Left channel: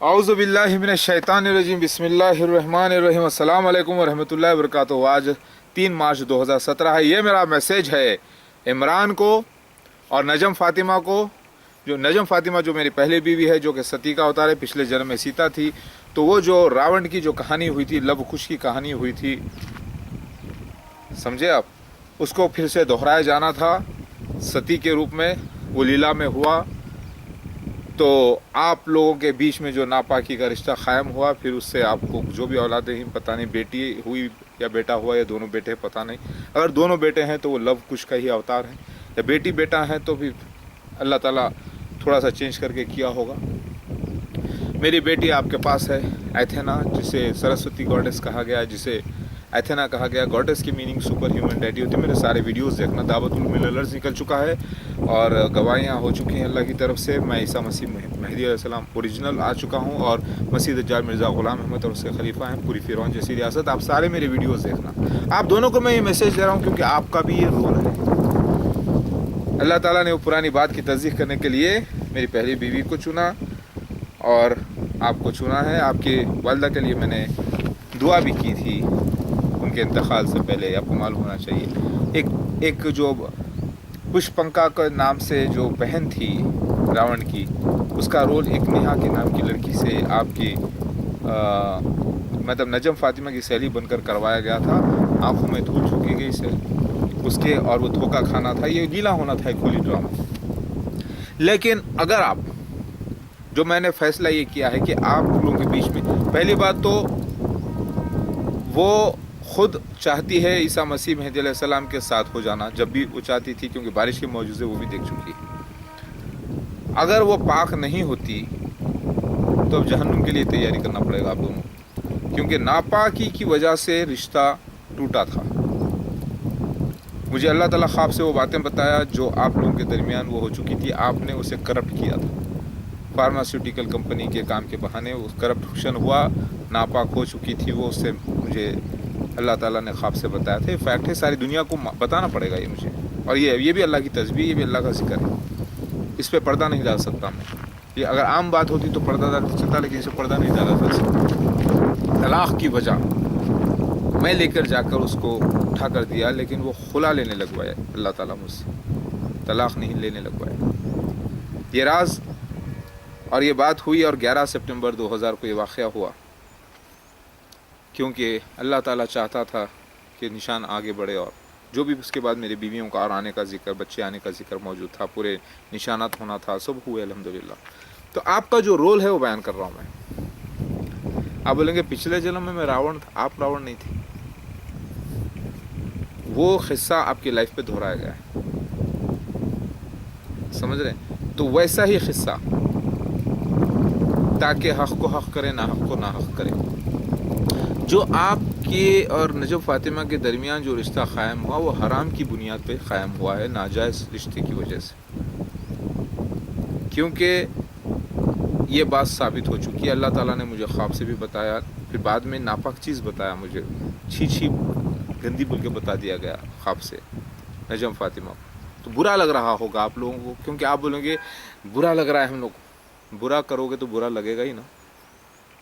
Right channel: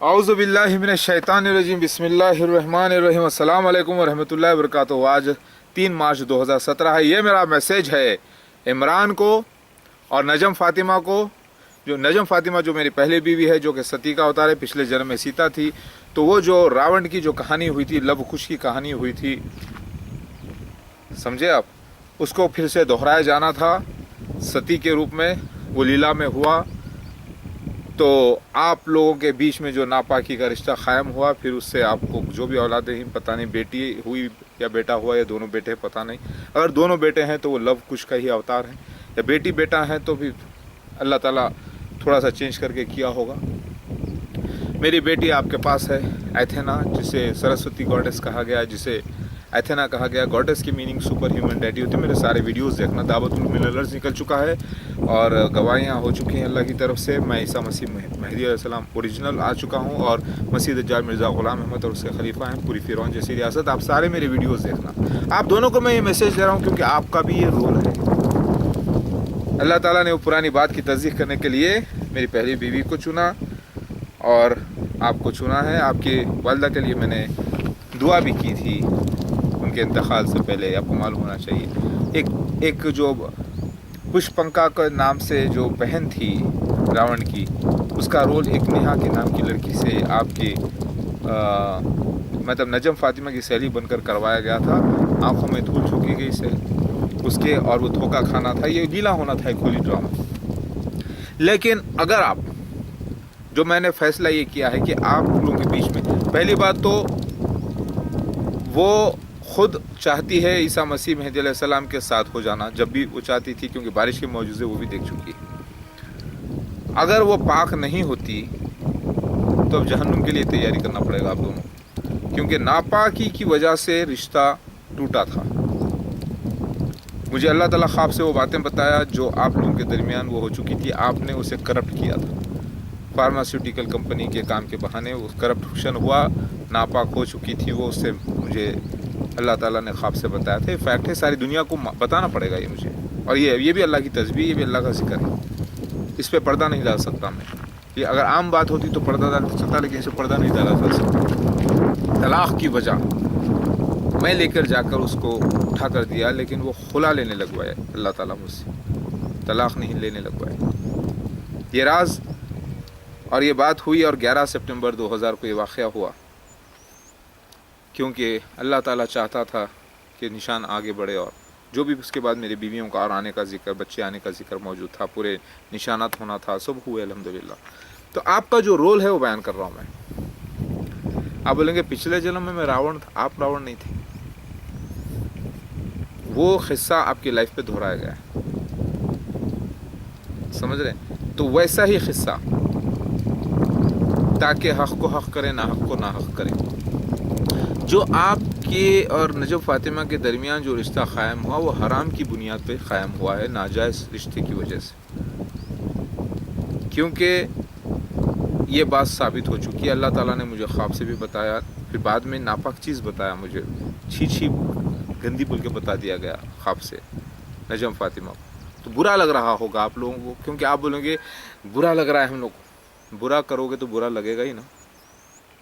औज़ु बिल्लाहि मिनश शैतानिर रजीम बिस्मिल्लाहिर रहमानिर रहीम अस्सलाम वालेकुम व रहमतुल्लाहि व बरकातुहू। आज 3 मार्च 2017 है। ये मेरा मैसेज है इमरान को और नजम फातिमा को। जो नजम फातिमा जो मेरी पहली बीवी है, जो कि सती का अवतार है, पिछले जन्म में सीता थी। तो वो जो रावण की जो कहानी हुई थी, लव कुश की कहानी हुई थी, समझे आप, उसको फिर से दोहराया जाना था सती के रूप में। वो लीला में हुआ तो आप लोगों के बीच में जो नापाकी का रिश्ता कायम हुआ, फिर उससे आपको जो भी औलादें ही, पता नहीं बेटी हुई या बेटा हुआ या दोनों बेटे, पता नहीं। अगर दोनों बेटे हैं तो वो लव कुश का ही अवतार है, या बेटी बेटा है तो भी अल्लाह ताला थोड़ा सा चेंज करके किया होगा। मेरी बेटी आपके पास है, एथेना, जिसे सरस्वती गॉडेस कहा गया, जिसे एथेना कहा गया। गॉडेस की मीनिंग सुपर ह्यूमन डेटी होती है। मेरे सारे वीडियोस देखना। दावतुल मिलर्स निकल चुका है और गवाहियाँ हो चुकी हैं अल्लाह की तरफ से। मैं ईसा मसीह मेहदी अलैहिस्सलाम ओरिजिनल आ चुका हूँ और मसीह दज्जाल मिर्ज़ा ग़ुलाम अहमद और उसके खलीफा हैं, पूरी फ़िरौन जैसी रियासत। आप सारे मेरे वीडियोज़ देखना। आप दोनों को मैं ये मैसेज दे रहा हूँ क्योंकि आपका भी ये रोल है। अल्लाह ताला ने वो पुरानी बात की तस्दीक करने के लिए मेरी पहली बीवी को चुना और आपको चुना है। आपकी वालदा के लिए मैंने दुआ भी की थी उनके इंतकाल से पहले, आपको मालूम होना चाहिए। एक जो पुष्पंका के नाम से जो बहन थी रावण की, उसका रोल एक नेहा के नाम की लड़की से आपकी मतलब नजम फातिमा की सहेली बनकर करवाया गया था। आंखों में धूल झोंकी गई से उसके, और वो धोखा खाना था। ये लीला होना था, एक होली ड्रामा। लेकिन अगर आप, जो मैंने फैसला ये किया है कि आप लोगों के बीच में, पहली बात तो वो खुद चाहती है ईसा मसीह मेहदी अलैहिस्सलाम के साथ हो जाना, जब भी वो चाहती थी, क्योंकि बारिश के मौजूज़े वो भी देख चुकी है। अगर वो पाक नहीं होती तो अब जहन्नुम के लिए तैयारी करना पड़ेगा आप दोनों, क्योंकि नापाकी की वजह से रिश्ता टूटा था। मुझे अल्लाह ताला ख्वाब से वो बातें बताया जो आप लोगों के दरमियान वो हो चुकी थी। आपने उसे करप्ट किया था, फार्मास्यूटिकल कंपनी के काम के बहाने वो करप्शन हुआ, नापाक हो चुकी थी वो। उससे मुझे अल्लाह ताला ने ख्वाब से बताया था। फैक्ट है, सारी दुनिया को बताना पड़ेगा ये मुझे। और ये भी अल्लाह की तस्बीह, ये भी अल्लाह का जिक्र है। इस पर पर्दा नहीं डाल सकता मैं। ये अगर आम बात होती तो पर्दा डालते चलता, लेकिन इस पर पर्दा नहीं डाला जा सकता। तलाक़ की वजह मैं लेकर जाकर उसको उठा कर दिया, लेकिन वो खुला लेने लगवाया अल्लाह ताला मुझसे, तलाक़ नहीं लेने लगवाया। ये राज और ये बात हुई, और 11 सितंबर 2000 को ये वाक़या हुआ, क्योंकि अल्लाह ताला चाहता था कि निशान आगे बढ़े। और जो भी उसके बाद मेरी बीवियों का और आने का जिक्र, बच्चे आने का जिक्र मौजूद था, पूरे निशानात होना था, सब हुए अल्हम्दुलिल्लाह। तो आपका जो रोल है वो बयान कर रहा हूँ मैं। आप बोलेंगे पिछले जन्म में मैं रावण था। आप रावण नहीं थे। वो किस्सा आपकी लाइफ पे दोहराया गया है, समझ रहे हैं? तो वैसा ही किस्सा, ताकि हक़ को हक़ करे, ना हक़ को ना हक़ करे। जो आपके और नजम फातिमा के दरमियान जो रिश्ता क़ायम हुआ, वो हराम की बुनियाद पे क़ायम हुआ है, नाजायज़ रिश्ते की वजह से। क्योंकि ये बात साबित हो चुकी है। अल्लाह ताला ने मुझे ख्वाब से भी बताया, फिर बाद में नापाक चीज़ बताया मुझे, छी गंदी बोल के बता दिया गया ख्वाब से नजम फातिमा को। तो बुरा लग रहा होगा आप लोगों को, क्योंकि आप बोलेंगे बुरा लग रहा है हम लोग को। बुरा करोगे तो बुरा लगेगा ही ना।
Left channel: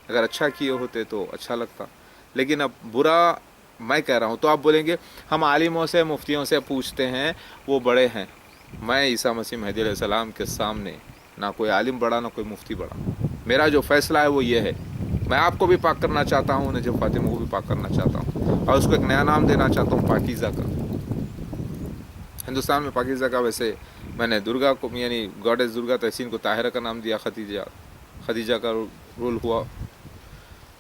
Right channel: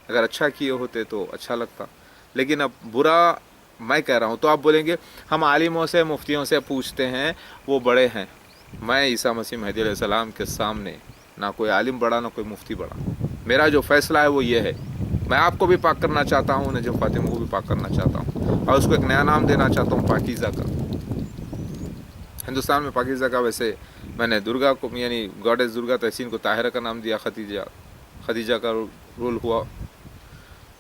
अगर अच्छा किए होते तो अच्छा लगता, लेकिन अब बुरा मैं कह रहा हूँ। तो आप बोलेंगे हम आलिमों से, मुफ्तियों से पूछते हैं, वो बड़े हैं। मैं ईसा मसीह मेहदी अलैहिस्सलाम के सामने ना कोई आलिम बड़ा, ना कोई मुफ्ती बड़ा। मेरा जो फ़ैसला है वो ये है, मैं आपको भी पाक करना चाहता हूँ, नजम फातिमा को भी पाक करना चाहता हूँ, और उसको एक नया नाम देना चाहता हूँ, पाकीज़ा का। हिंदुस्तान में पाकीज़ा का, वैसे मैंने दुर्गा को, यानी गॉडेस दुर्गा तहसीन को ताहिरा का नाम दिया, खदीजा का रोल हुआ।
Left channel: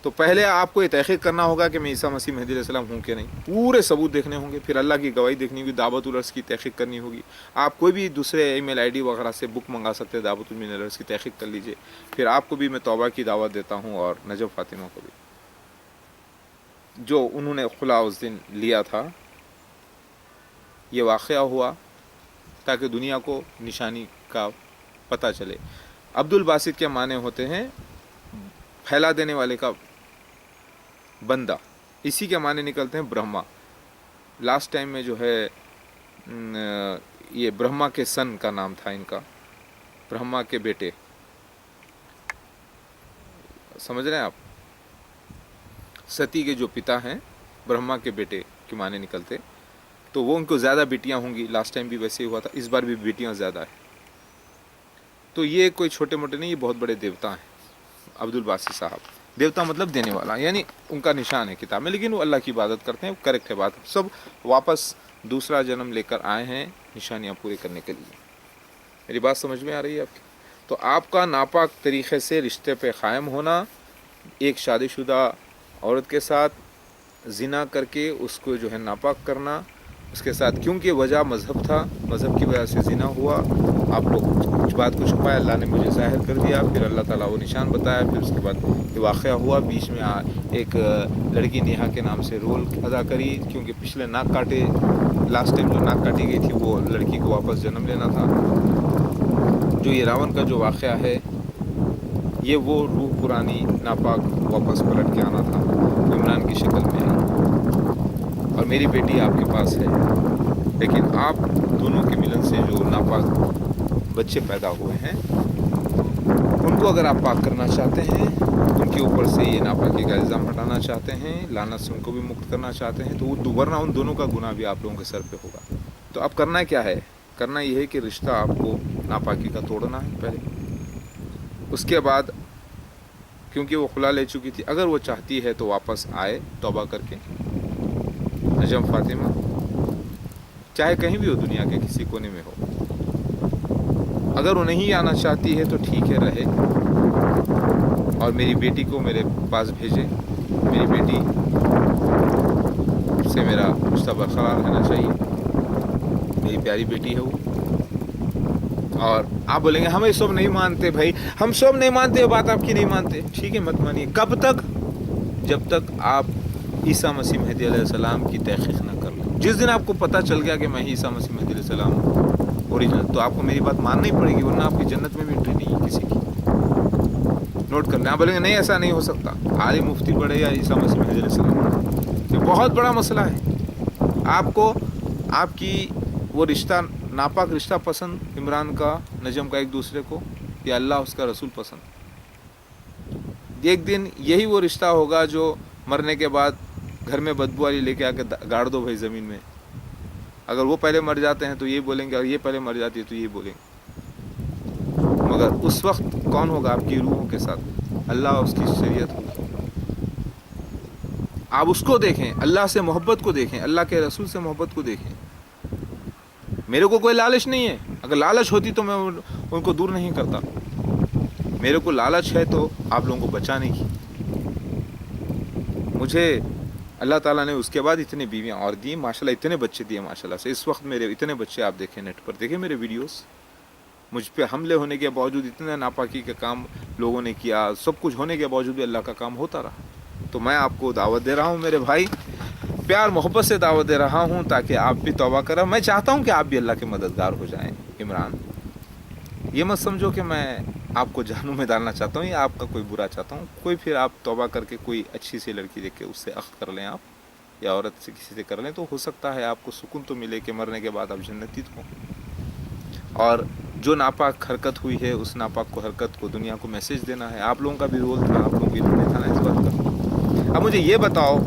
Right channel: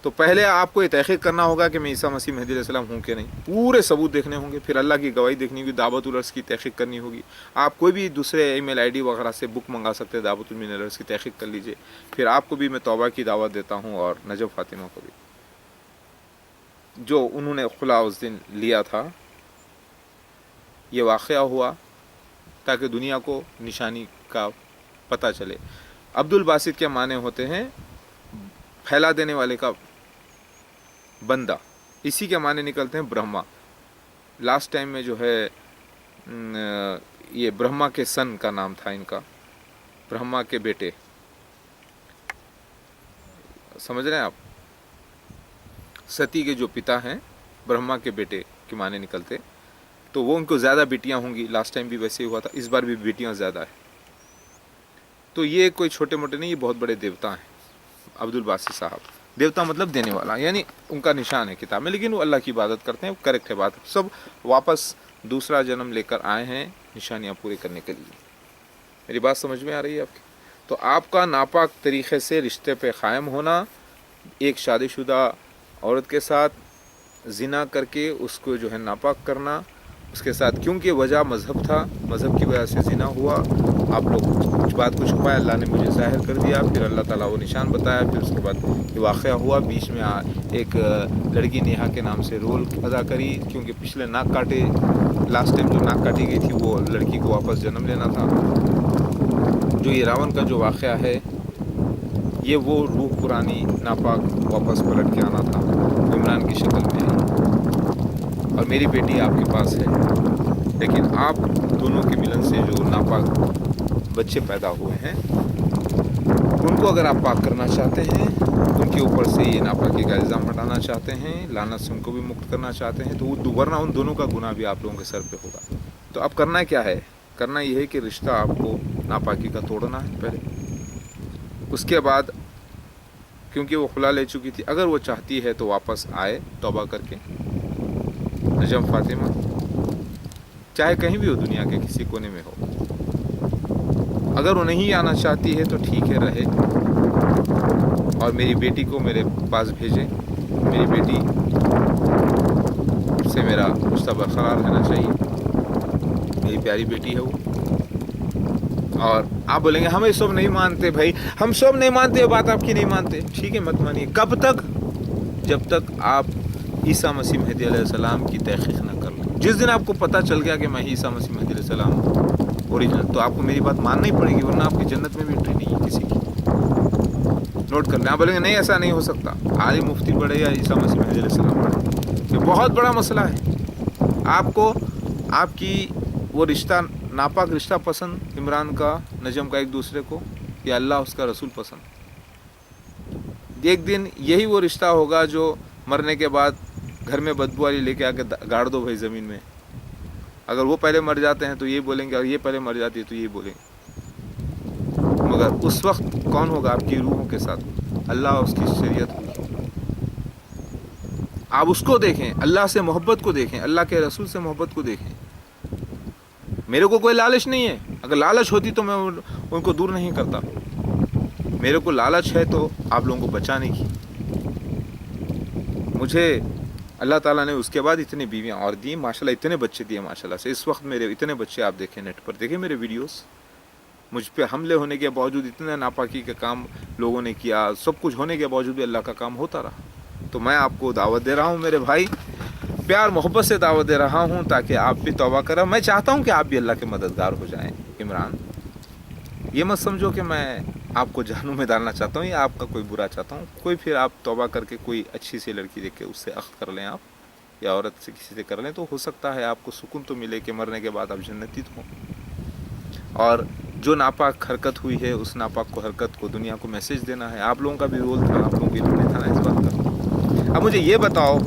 तो पहले आपको ये तहक़ीक़ करना होगा कि मैं ईसा मसीह मेहदी अलैहिस्सलाम हूँ कि नहीं। पूरे सबूत देखने होंगे, फिर अल्लाह की गवाही देखनी होगी, दावतुल अर्स की तहक़ीक़ करनी होगी। आप कोई भी दूसरे ईमेल आईडी वगैरह से बुक मंगा सकते हैं, दावतुल मिनर्स की तहक़ीक़ कर लीजिए। फिर आपको भी मैं तौबा की दावत देता हूँ, और नजम फातिमा को भी, जो उन्होंने खुला उस दिन लिया था। ये वाक़या हुआ ताकि दुनिया को निशानी का पता चले। अब्दुल बासित के माने होते हैं फैला देने वाले का बंदा, इसी के माने निकलते हैं ब्रह्मा। लास्ट टाइम में जो है ये ब्रह्मा के सन का नाम था इनका, ब्रह्मा के बेटे। समझ रहे हैं आप, सती के जो पिता हैं ब्रह्मा के बेटे के माने निकलते, तो वो उनको ज़्यादा बेटियां होंगी, लास्ट टाइम भी वैसे ही हुआ था, इस बार भी बेटियां ज़्यादा है। तो ये कोई छोटे मोटे नहीं, ये बहुत बड़े देवता हैं अब्दुल बासित साहब। देवता मतलब देने वाला, यानी उनका निशान है किताब में, लेकिन वो अल्लाह की इबादत करते हैं, वो करेक्ट है बात। सब वापस दूसरा जन्म लेकर आए हैं निशानियाँ पूरी करने के लिए। मेरी बात समझ में आ रही है आपकी? तो आपका नापाक तरीक़े से रिश्ते पे क़ायम होना, एक शादीशुदा औरत के साथ ज़िना करके उसको जो है नापाक करना, उसके साथ क्योंकि वजह मज़हब था, मज़हब की वजह से ज़िना हुआ, आप लोग कुछ बात को छुपाया, अल्लाह ने मुझे ज़ाहिर कर दिया, फिर अल्लाह ताला वो निशान बताया, फिर उसके बाद ये वाक़या हुआ। बीच में एक लड़की नेहा के नाम से रोल अदा करी, क्योंकि पिछले नाक काटे, लास्ट टाइम जो नाक काटी गई थी वो लड़की को वापस जन्म लेना था। जो ये रावण का जो वाक़या है, ये वो रूह पुरानी नापाक वापस पलट के आना था, तो इमरान की शक्ल में आई। और मेरी बेटी आपके पास है, लेकिन आप दोनों के मिलन से जो नापाक बच्चे पैदा हुए हैं, उनको अगर आप पाक करना चाहते हैं, उनके ऊपर से ये नापाकी का इल्ज़ाम हटाना चाहते हैं, लानत से उनको भी मुक्त करना चाहते हैं, तो वो वरना उन दोनों का गुनाह भी आप लोगों के सर पे होगा। तो अब करना क्या है? करना ये है कि रिश्ता आपको नापाकी का तोड़ना है पहले। उसके बाद क्योंकि वो खुला ले चुकी थी, अगर वो चाहती है तो वापस आए तौबा करके। नजम फातिमा चाहे कहीं भी हो, दुनिया के किसी कोने में हो, अगर वो नहीं आना चाहती है तो ठीक है, रहे, और मेरी बेटी को मेरे पास भेजे। मेरी बेटी से मेरा रिश्ता बरकरार रहना चाहिए, मेरी प्यारी बेटी है वो। और आप बोलेंगे हम ये सब नहीं मानते भाई, हम सब नहीं मानते, बात आपकी नहीं मानते, ठीक है, मत मानिए। कब तक? जब तक आप ईसा मसीह मेहदी अलैहिस्सलाम की तहक़ीक़ ना कर लें। जिस दिन आपको पता चल गया कि मैं ही ईसा मसीह मेहदी अलैहिस्सलाम हूँ ओरिजिनल, तो आपको मेरी बात मानना ही पड़ेगी, वरना आपकी जन्नत में भी एंट्री नहीं है किसी की। नोट कर लें। आप बोलेंगे नहीं ऐसा नहीं हो सकता, आलिम मुफ्ती बढ़े या ईसा मसीह मेहदी अलैहिस्सलाम बढ़े, ये बहुत बड़ा मसला है। आपको आपकी वो रिश्ता, नापाक रिश्ता पसंद, इमरान का नजम का एक दूसरे को, या अल्लाह उसका रसूल पसंद? एक दिन यही वो रिश्ता होगा जो मरने के बाद घर में बदबू वाली लेके आके गाड़ दो भाई ज़मीन में। अगर वो पहले मर जाते हैं तो ये बोलेंगे, और ये पहले मर जाती है तो ये बोलेंगे। मगर उस वक्त कौन होगा आपकी रूहों के साथ? अल्लाह और उसकी शरीयत होगी। आप उसको देखें, अल्लाह से मोहब्बत को देखें, अल्लाह के रसूल से मोहब्बत को देखें। मेरे को कोई लालच नहीं है, अगर लालच होती तो मैं उनको दूर नहीं करता। मेरे को लालच है तो आप लोगों को बचाने की। मुझे अल्लाह ताला ने उसके बाद इतनी बीवियाँ और दी, माशाल्लाह, इतने बच्चे दिए माशाल्लाह से। इस वक्त मेरे इतने बच्चे, आप देखें नेट पर, देखें मेरे वीडियोस, मुझ पे हमले होने के बावजूद, इतने नापाकी का काम लोगों ने किया, सब कुछ होने के बावजूद भी अल्लाह का काम होता रहा। तो मैं आपको दावत दे रहा हूँ मेरे भाई, प्यार मोहब्बत से दावत दे रहा हूँ, ताकि आप भी तौबा करें। मैं चाहता हूँ कि आप भी अल्लाह के मददगार हो जाएं। इमरान, ये मत समझो कि मैं आपको जहन्नुम में डालना चाहता हूँ या आपका कोई बुरा चाहता हूँ। कोई फिर आप तौबा करके कोई अच्छी सी लड़की देख के उससे अख्त कर लें आप, या औरत से किसी से कर लें, तो हो सकता है आपको सुकून तो मिले कि मरने के बाद आप जन्नती तो हों। और जो नापाक हरकत हुई है, उस नापाक को हरकत को दुनिया को मैसेज देना है। आप लोगों का भी रोल था, आप लोगों को इल्म नहीं था ना इस बात का। अब मुझे ये बताओ,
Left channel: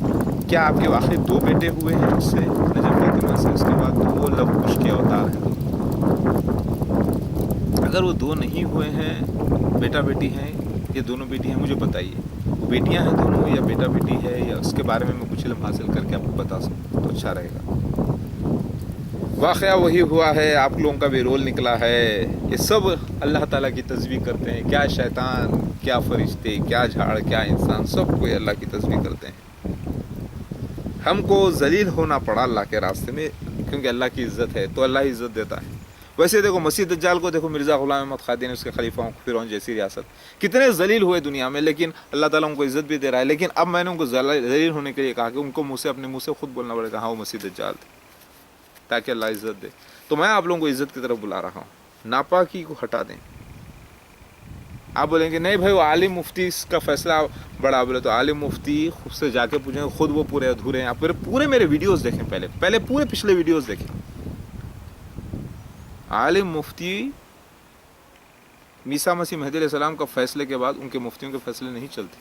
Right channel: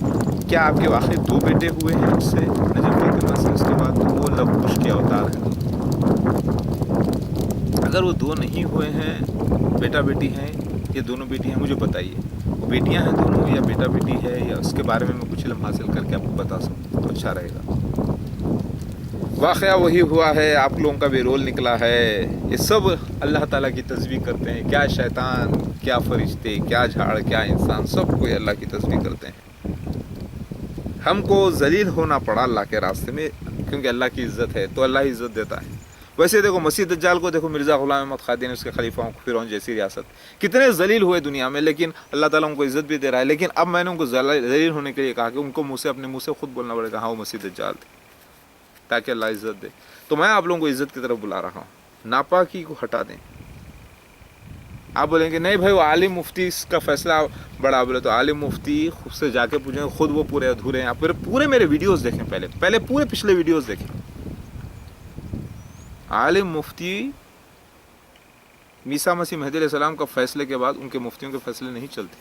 क्या आपके वाकई 2 बेटे हुए हैं उससे, नजम फातिमा से? उसके बाद तो वो लव कुश के अवतार हैं 2। अगर वो 2 नहीं हुए हैं, बेटा बेटी हैं, ये दोनों बेटियां, मुझे बताइए वो बेटियां हैं दोनों या बेटा बेटी है, या उसके बारे में मैं कुछ इल्म हासिल करके आपको बता सकूँ तो अच्छा रहेगा। वाक़या वही हुआ है, आप लोगों का भी रोल निकला है। ये सब अल्लाह ताला की तस्बीह करते हैं। क्या शैतान, क्या फरिश्ते, क्या झाड़, क्या इंसान, सब कोई अल्लाह की तस्बीह करते हैं। हमको जलील होना पड़ा अल्लाह के रास्ते में, क्योंकि अल्लाह की इज़्ज़त है तो अल्लाह ही इज़्ज़त देता है। वैसे देखो मसीह दज्जाल को देखो, मिर्ज़ा ग़ुलाम अहमद क़ादियानी, उसके खलीफाओं को, फिरौन जैसी रियासत, कितने जलील हुए दुनिया में, लेकिन अल्लाह ताला उनको इज़्ज़त भी दे रहा है। लेकिन अब मैंने उनको जलील होने के लिए कहा कि उनको मुँह से, अपने मुँह से खुद बोलना पड़ेगा हाँ वो मसीह दज्जाल थे, ताकि अल्लाह इज़्ज़त दे। तो मैं आप लोगों को इज़्ज़त की तरफ बुला रहा हूँ, नापाकी को हटा दें। आप बोलेंगे नहीं भाई वो आलिम मुफ्ती का फैसला बड़ा, बोले तो आलिम मुफ्ती खुद से जाके पूछेंगे, खुद वो पूरे अधूरे हैं। आप पूरे मेरे वीडियोस देखें, पहले पूरे पिछले वीडियोस देखें। आलिम मुफ्ती عیسیٰ مسیح مہدی علیہ السلام کا فیصلے کے بعد ان کے مفتیوں کے فیصلے نہیں چلتے.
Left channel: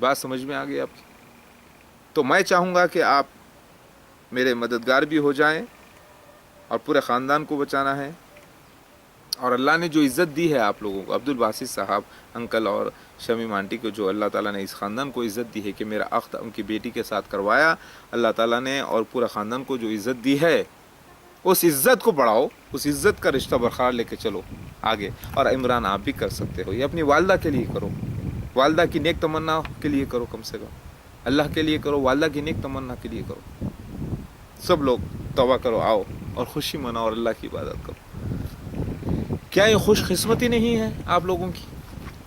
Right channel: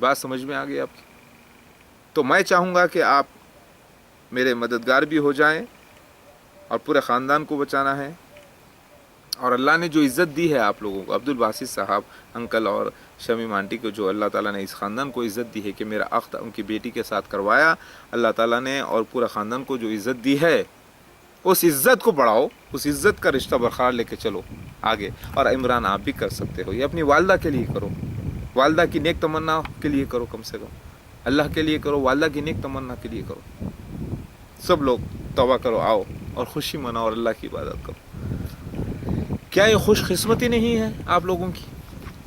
بات سمجھ میں آ گئی آپ کی؟ تو میں چاہوں گا کہ آپ میرے مددگار بھی ہو جائیں اور پورے خاندان کو بچانا ہے. اور اللہ نے جو عزت دی ہے آپ لوگوں کو, عبد الباسط صاحب انکل اور شمیم آنٹی کو جو اللہ تعالیٰ نے اس خاندان کو عزت دی ہے کہ میرا عقد ان کی بیٹی کے ساتھ کروایا, اللہ تعالیٰ نے اور پورے خاندان کو جو عزت دی ہے اس عزت کو بڑھاؤ, اس عزت کا رشتہ برقرار لے کے چلو آگے. اور عمران آپ بھی کر سکتے ہو, یہ اپنی والدہ کے لیے کرو, والدہ کی نیک تمنا کے لیے کرو, کم سے کم اللہ کے لیے کرو, والدہ کی نیک تمنا کے لیے کرو. سب لوگ توبہ کرو, آؤ اور خوشی مناؤ اور اللہ کی عبادت کرو. کیا یہ خوش قسمتی نہیں ہے آپ لوگوں کی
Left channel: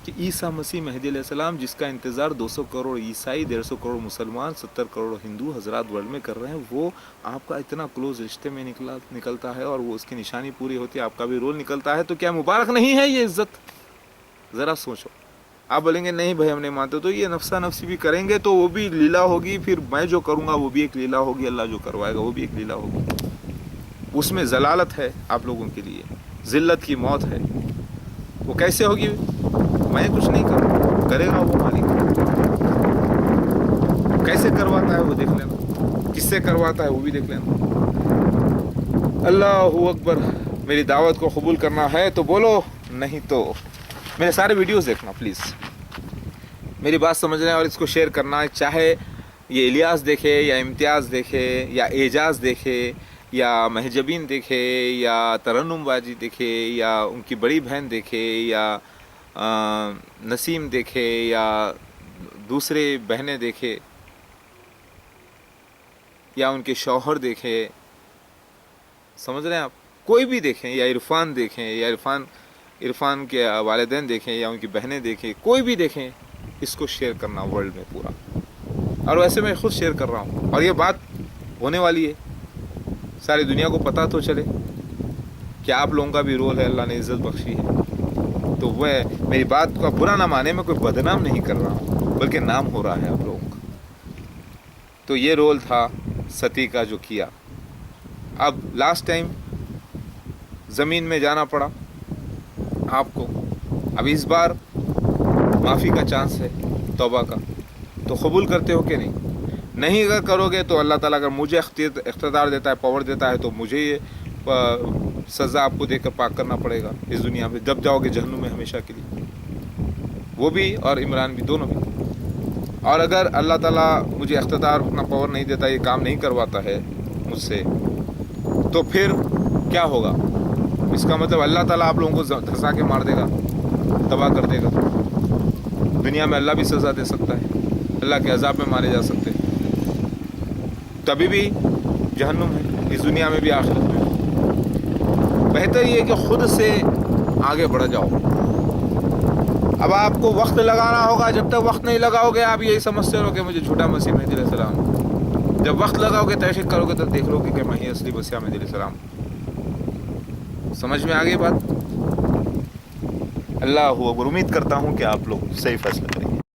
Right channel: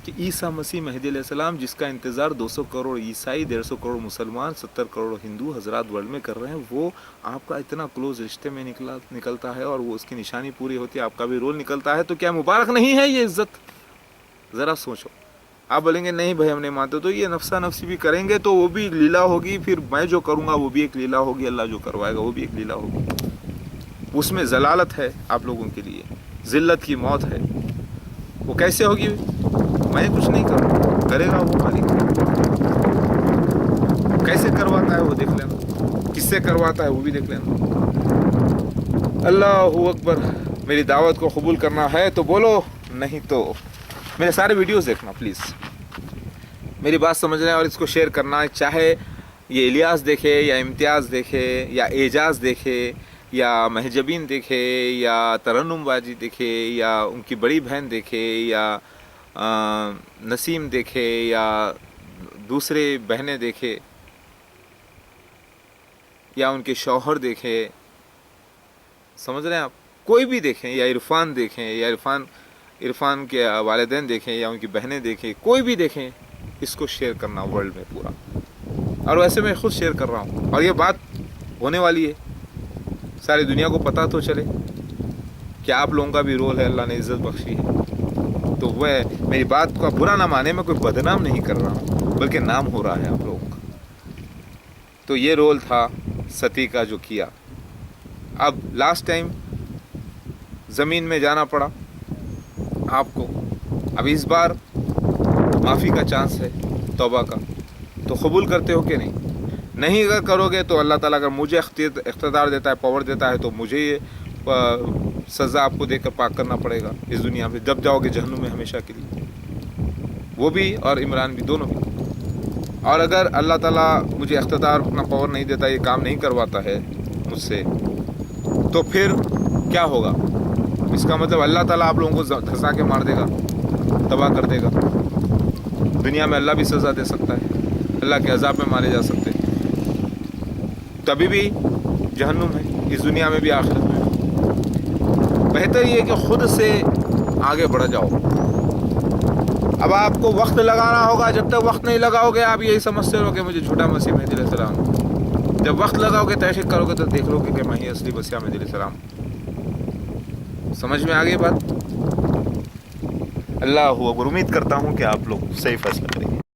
کہ عیسیٰ مسیح مہدی علیہ السلام جس کا انتظار 200 کروڑ عیسائی, 150 کروڑ مسلمان, 70 کروڑ ہندو حضرات ورلڈ میں کر رہے ہیں, وہ آپ کا اتنا کلوز رشتے میں نکلتا ہے اور وہ اس کی نشانی پوری ہوتی ہے, آپ کا بھی رول نکلتا ہے, تو کیا مبارک نہیں ہے یہ عزت؟ ذرا سوچو. آپ بولیں گے نہیں بھائی ہم نہیں مانتے, تو یہ نفسا نفسی بھی کریں گے تو وہ بھی لیلا ہوگی, پھر میں جو کروں گا وہ بھی ایک لیلا ہوگی, اللہ جو کروائے گا وہ بھی ایک لیلا ہوگی. اس میں ضلالت ہے آپ لوگوں کے لیے, ذلت کی موت ہے. وہ کیسے ہوگی؟ میں کچھ نہیں کروں, کرے گا وہ مالک. کیسے کرواتا ہے وہ دیکھ لینا, کس سے کرواتا ہے وہ بھی دیکھ لینا. اللہ اکبر. میری دعوت کو قبول کرنا ہے تو بولو, نہیں تو میرے سارے ویڈیوز دیکھنا پلیز. میری بات سمجھنا اور اس کو شیئر کرنا, چاہے یہ الیاس دیکھے یا امتیاز دیکھے یا اعجاز دیکھے یا مہجبین دیکھے یا ترنم باجی دیکھے یا ان کی بڑی بہن دیکھے یا نسیم دیکھے یا دوسرے بہنیں دیکھے یا ان کے شوہر دیکھے, سمجھ رہے ہیں آپ, کوئی بھی دیکھیں, یا عرفان دیکھیں یا عرفان کے والدین دیکھیں یا ان کی بہنیں دیکھیں, کوئی بھی دیکھیں, اس کو شیئر کرنا ورلڈ میں پورا. اور ویسے میں خود شیئر کر رہا ہوں اور یہ بات ہونے والی ہے, ساری دنیا کو پتہ تو چلے کہ آپ لوگوں کا بھی رول ہے, اللہ نے عزت بخشی ہے. تو وہ میری بات کا برا نہ مانے, میں کوئی بدنام نہیں کر رہا ہوں بلکہ نام ہو رہا ہے آپ لوگوں کا. تو یہ رول تھا ستی کا جو کیا. اب لاسٹ ٹائم زمین میں جانا پڑا آپ کو, اب اس بار معافی کا چانس ہے, توبہ کا. تو قبول کرتے ہو کہ نہیں؟ نہیں اگر کرو گے تو اللہ تعالیٰ اگر مجھے اقتدار دیتا ہے, پاور دیتا ہے, تو مجھے یہ سزا آپ کو دے کر پاک کرنا پڑے گا اس دنیا میں, جب جاؤ گے جہنم میں ہمیشہ کے لیے, وہ بھی اور عمران بھی, دونوں بھی. اور اگر اللہ تعالیٰ مجھے اقتدار اپنا پاور نہیں دیتا, یہ کام نہیں کرواتا ہے مجھ سے, تو پھر کیا ہوگا؟ اس کا مطلب اللہ تعالیٰ آپ لوگوں کو دھسا کے مار دے گا, تباہ کر دے گا. دنیا میں اللہ بھی سزا دے سکتا ہے, اللہ کے عذاب میں مارے جا سکتے ہیں, تبھی بھی جہنم ہے, اس دنیا میں بھی آخرت میں. بہتر یہ کہ خود سے آگے بڑھ جاؤ. اب آپ کو وقت لگانا ہوگا, جب تک وقت نہیں لگاؤ گے آپ یہی سمجھتے رہو کہ مجھے جھوٹا مسیح مہدی علیہ السلام. جب وقت لگاؤ گے, تحقیق کرو گے, تو دیکھ لو گے کہ میں ہی اصلی مسیح مہدی علیہ السلام. سمجھ میں آ گئی بات؟ اللہ اکبر. امید کرتا ہوں کہ آپ لوگ صحیح فیصلہ کریں.